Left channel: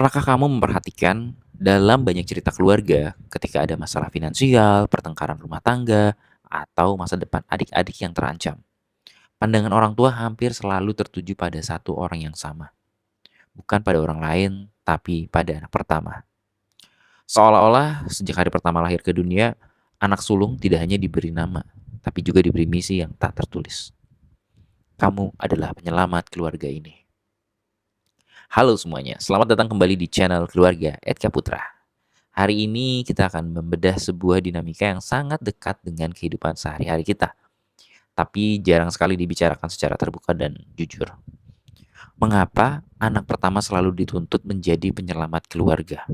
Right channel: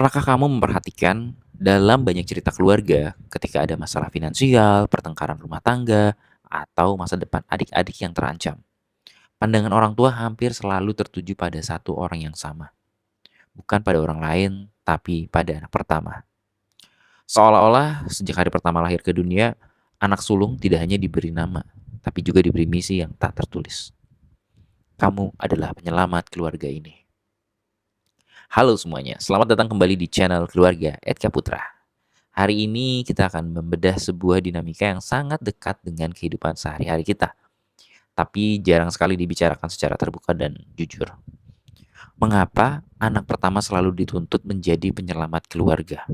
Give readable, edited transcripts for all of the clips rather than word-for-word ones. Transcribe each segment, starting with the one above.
Pernahkah kamu memperhatikan dalam banyak cerita keluarga ketika ada masalah finansial, pertengkaran rumah tangga, atau masa depan adik-adik yang terancam? Pandangan orang tua hampir selalu tertuju pada satu orang yang sama, bukan pada orang lain, tapi pada anak pertama. Seolah-olah sejak hari pertama lahir ke dunia, anak sulung tidak hanya diberi nama, tapi juga diberi misi yang tak tertulis. Kamu adalah penyelamat keluarga ini. Halo semuanya, selamat datang kembali di channel keluarga Edka Putra. Hari ini kita akan membedah sebuah dinamika yang sangat dekat dengan kehidupan sehari-hari kita, tapi jarang sekali dibicarakan secara terbuka dan jujur. Mengapa anak pertama selalu dituntut menjadi penyelamat keluarga?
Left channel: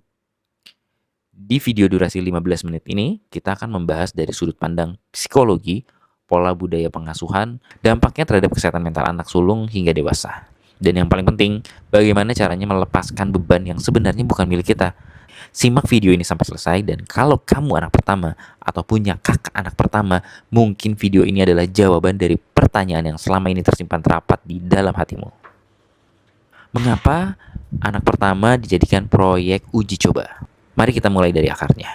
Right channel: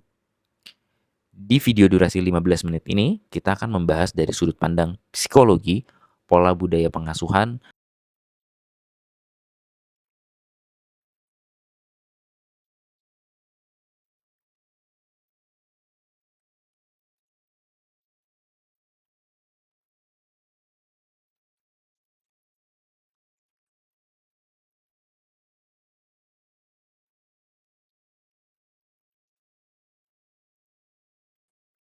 Di video durasi 15 menit ini, kita akan membahas dari sudut pandang psikologi, pola budaya pengasuhan, dampaknya terhadap kesehatan mental anak sulung hingga dewasa. Dan yang paling penting, bagaimana caranya melepaskan beban yang sebenarnya bukan milik kita. Simak video ini sampai selesai, dan kalau kamu anak pertama atau punya kakak anak pertama, mungkin video ini adalah jawaban dari pertanyaan yang selama ini tersimpan rapat di dalam hatimu. Mengapa anak pertama dijadikan proyek uji coba? Mari kita mulai dari akarnya.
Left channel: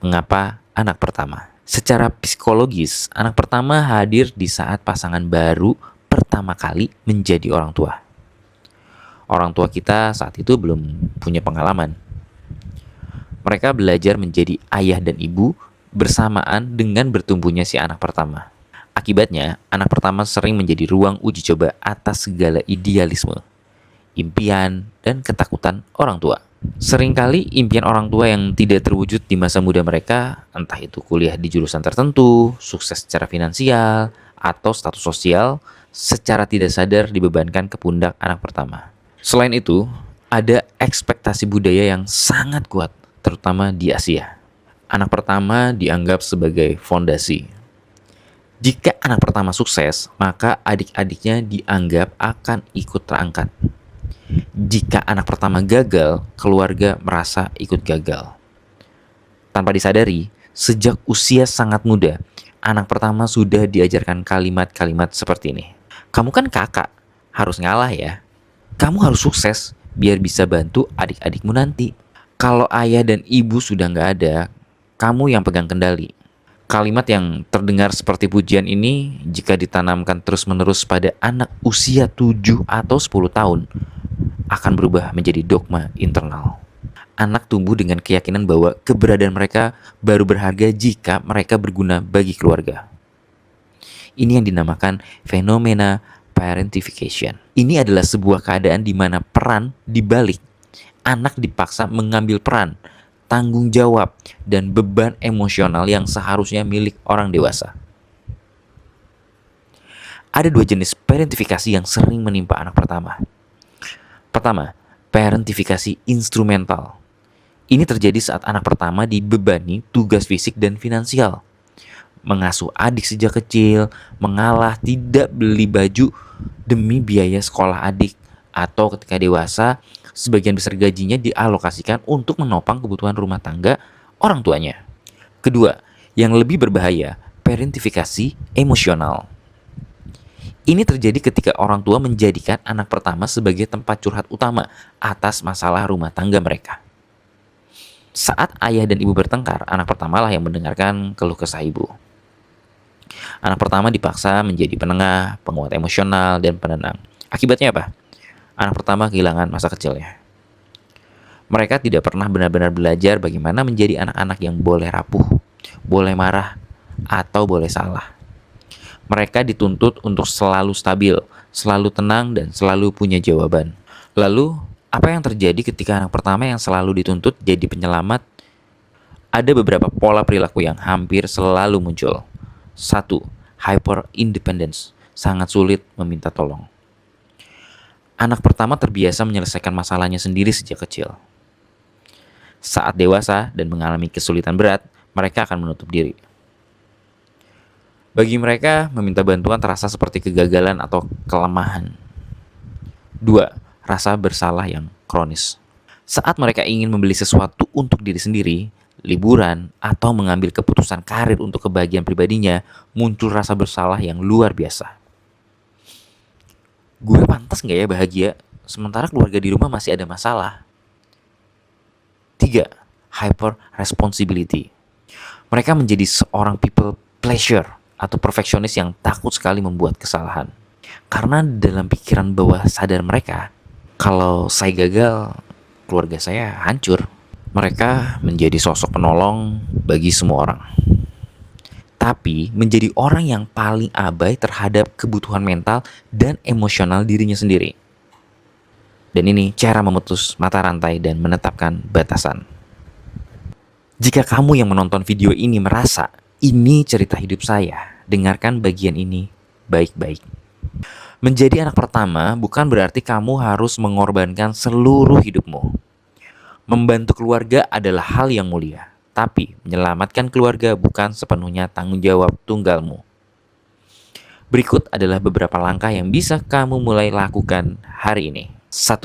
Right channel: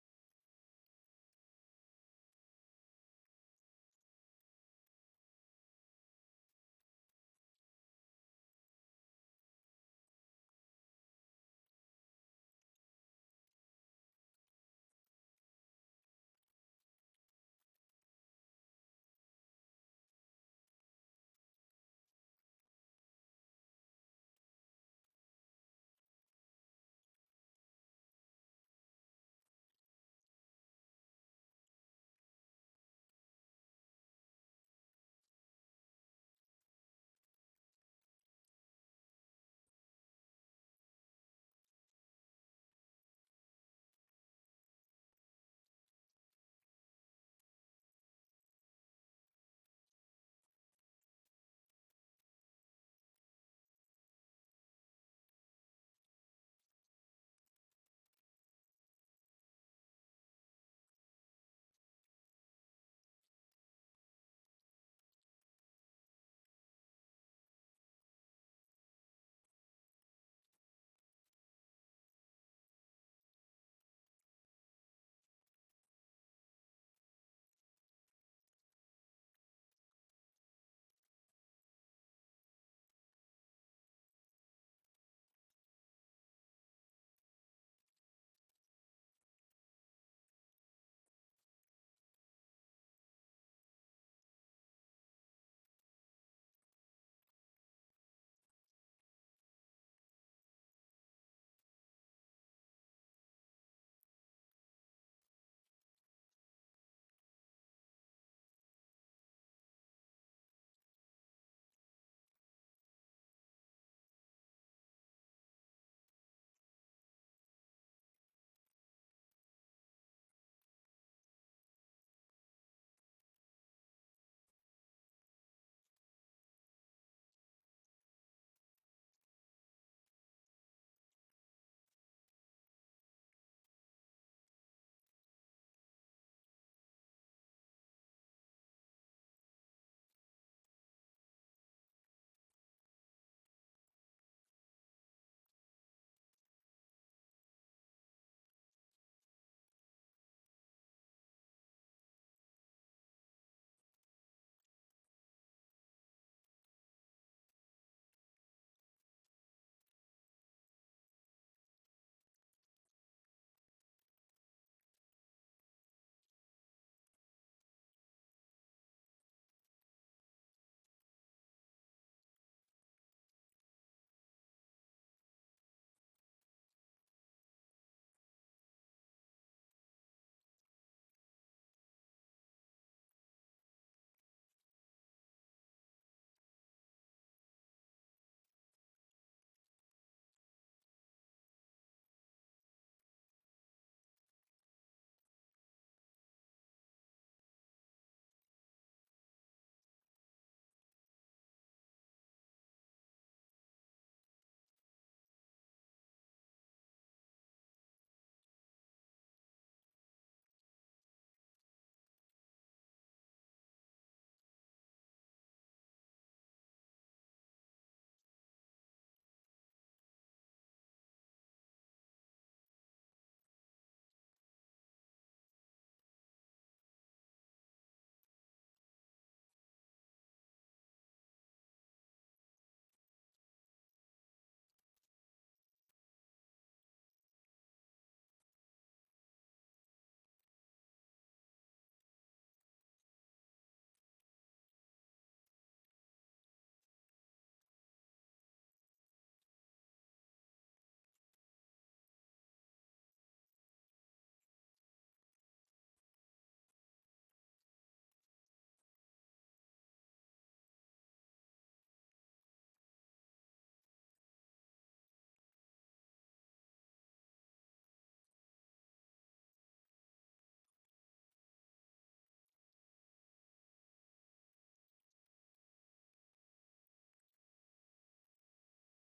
Mengapa anak pertama? Secara psikologis, anak pertama hadir di saat pasangan baru pertama kali menjadi orang tua. Orang tua kita saat itu belum punya pengalaman. Mereka belajar menjadi ayah dan ibu bersamaan dengan bertumbuhnya si anak pertama. Akibatnya, anak pertama sering menjadi ruang uji coba atas segala idealisme, impian, dan ketakutan orang tua. Seringkali impian orang tua yang tidak terwujud di masa muda mereka, entah itu kuliah di jurusan tertentu, sukses secara finansial, atau status sosial, secara tidak sadar dibebankan ke pundak anak pertama. Selain itu, ada ekspektasi budaya yang sangat kuat, terutama di Asia. Anak pertama dianggap sebagai fondasi. Jika anak pertama sukses, maka adik-adiknya dianggap akan ikut terangkat. Jika anak pertama gagal, keluarga merasa ikut gagal. Tanpa disadari, sejak usia sangat muda, anak pertama sudah diajarkan kalimat-kalimat seperti ini. Kamu kan kakak, harus ngalah ya. Kamu harus sukses biar bisa bantu adik-adikmu nanti. Kalau ayah dan ibu sudah nggak ada, kamu yang pegang kendali. Kalimat yang terdengar seperti pujian ini jika ditanamkan terus-menerus pada anak usia 7 atau 10 tahun akan berubah menjadi dogma internal. Anak tumbuh dengan keyakinan bahwa keberadaan mereka baru berharga jika mereka berguna bagi keluarga. Ini yang dinamakan fenomena parentification. Ini adalah sebuah keadaan di mana peran dibalik. Anak dipaksa mengambil peran, tanggung jawab, dan beban emosional yang seharusnya milik orang dewasa. Ada dua jenis parentifikasi yang sering menimpa anak pertama. Pertama, parentifikasi instrumental. Ini terjadi saat anak pertama dibebani tugas fisik dan finansial. Mengasuh adik sejak kecil, mengalah tidak beli baju demi biaya sekolah adik, atau ketika dewasa, sebagian besar gajinya dialokasikan untuk menopang kebutuhan rumah tangga orang tuanya. Kedua, yang lebih berbahaya, parentifikasi emosional. Ini terjadi ketika orang tua menjadikan anak pertama sebagai tempat curhat utama atas masalah rumah tangga mereka. Saat ayah dan ibu bertengkar, anak pertama lah yang mendengarkan keluh kesah ibu. Anak pertama dipaksa menjadi penengah, penguat emosional, dan penenang. Akibatnya apa? Anak pertama kehilangan masa kecilnya. Mereka tidak pernah benar-benar belajar bagaimana menjadi anak-anak yang boleh rapuh, boleh marah, atau boleh salah. Mereka dituntut untuk selalu stabil, selalu tenang, dan selalu punya jawaban. Lalu, apa yang terjadi ketika anak pertama yang selalu dituntut jadi penyelamat? Ada beberapa pola perilaku yang hampir selalu muncul. 1. Hyper independence, sangat sulit meminta tolong. Anak pertama terbiasa menyelesaikan masalahnya sendiri sejak kecil. Saat dewasa dan mengalami kesulitan berat, mereka akan menutup diri. Bagi mereka, meminta bantuan terasa seperti kegagalan atau kelemahan. 2. Rasa bersalah yang kronis. Saat mereka ingin membeli sesuatu untuk diri sendiri, liburan, atau mengambil keputusan karir untuk kebahagiaan pribadinya, muncul rasa bersalah yang luar biasa. Gue pantas nggak ya bahagia, sementara keluarga di rumah masih ada masalah? 3. Hyper responsibility. Mereka menjadi seorang people pleasure atau perfeksionis yang takut sekali membuat kesalahan. Karena dalam pikiran bawah sadar mereka, kalau saya gagal, keluarga saya hancur. Mereka menjadi sosok penolong bagi semua orang. Tapi menjadi orang yang paling abai terhadap kebutuhan mental dan emosional dirinya sendiri. Dan ini cara memutus mata rantai dan menetapkan batasan. Jika kamu yang menonton video ini merasa ini cerita hidup saya, dengarkan bagian ini baik-baik. Menjadi anak pertama bukan berarti kamu harus mengorbankan seluruh hidupmu. Membantu keluarga adalah hal yang mulia, tapi menyelamatkan keluarga bukan sepenuhnya tanggung jawab tunggalmu. Berikut adalah beberapa langkah yang bisa kamu mulai lakukan hari ini. 1.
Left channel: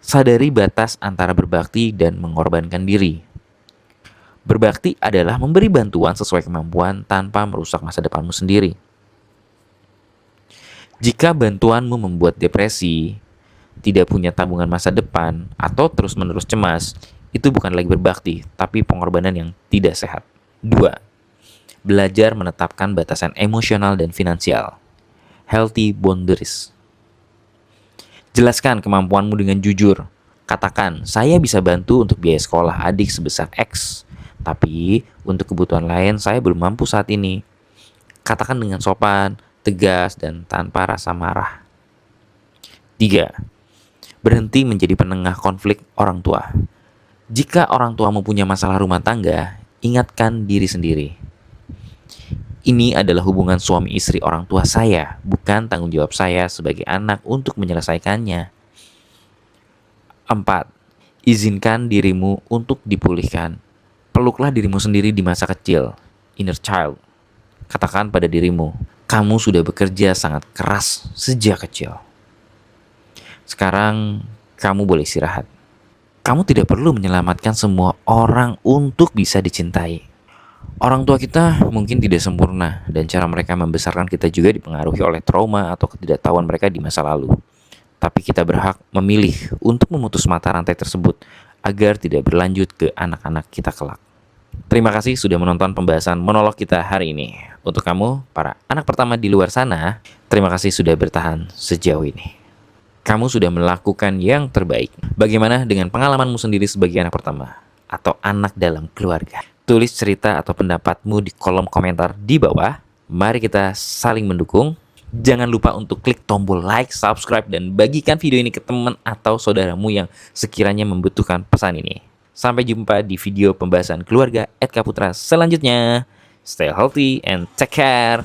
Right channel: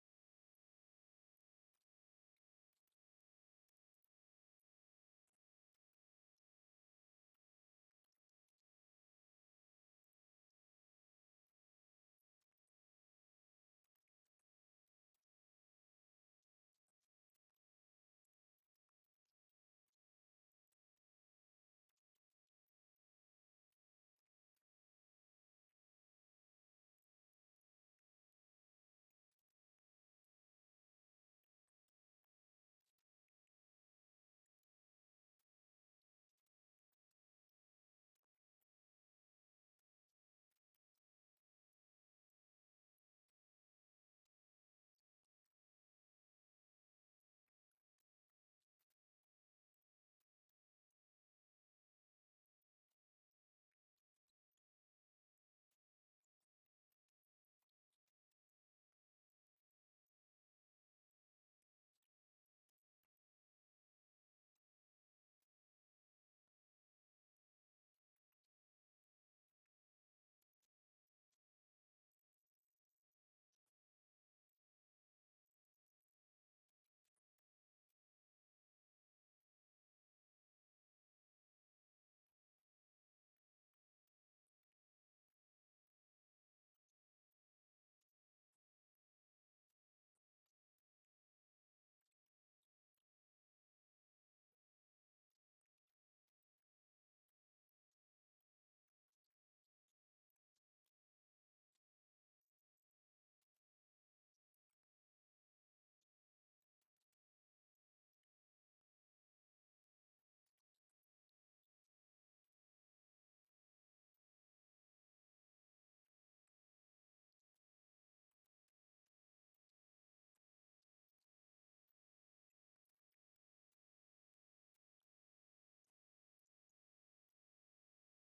Sadari batas antara berbakti dan mengorbankan diri. Berbakti adalah memberi bantuan sesuai kemampuan tanpa merusak masa depanmu sendiri. Jika bantuanmu membuat depresi, tidak punya tabungan masa depan, atau terus-menerus cemas, itu bukan lagi berbakti, tapi pengorbanan yang tidak sehat. 2. Belajar menetapkan batasan emosional dan finansial. Healthy boundaries. Jelaskan kemampuanmu dengan jujur. Katakan, saya bisa bantu untuk biaya sekolah adik sebesar X, tapi untuk kebutuhan lain saya belum mampu saat ini. Katakan dengan sopan, tegas, dan tanpa rasa marah. 3. Berhenti menjadi penengah konflik orang tua. Jika orang tuamu punya masalah rumah tangga, ingatkan diri sendiri. Ini adalah hubungan suami istri orang tua saya, bukan tanggung jawab saya sebagai anak untuk menyelesaikannya. 4. Izinkan dirimu untuk dipulihkan. Peluklah dirimu sendiri di masa kecil, inner child. Katakan pada dirimu, kamu sudah bekerja sangat keras sejak kecil. Sekarang kamu boleh istirahat. Kamu tidak perlu menyelamatkan semua orang untuk bisa dicintai. Orang tua kita mungkin tidak sempurna dan cara mereka membesarkan kita juga dipengaruhi oleh trauma atau ketidaktahuan mereka di masa lalu. Tapi kita berhak memilih untuk memutus mata rantai tersebut agar tidak berlanjut ke anak-anak kita kelak. Terima kasih sudah menonton pembahasan monolog kita hari ini. Untuk kamu, para anak pertama di luar sana, terima kasih sudah bertahan sejauh ini. Kamu sudah melakukan yang terbaik. Bagaimana dengan pengalamanmu sendiri sebagai anak pertama atau anak dalam keluarga? Tulis cerita atau pendapatmu di kolom komentar di bawah. Mari kita saling mendukung. Jangan lupa untuk klik tombol like, subscribe, dan bagikan video ini ke teman atau saudaramu yang sekiranya membutuhkan pesan ini. Sampai jumpa di video pembahasan keluarga @kaputra selanjutnya. Stay healthy and take care.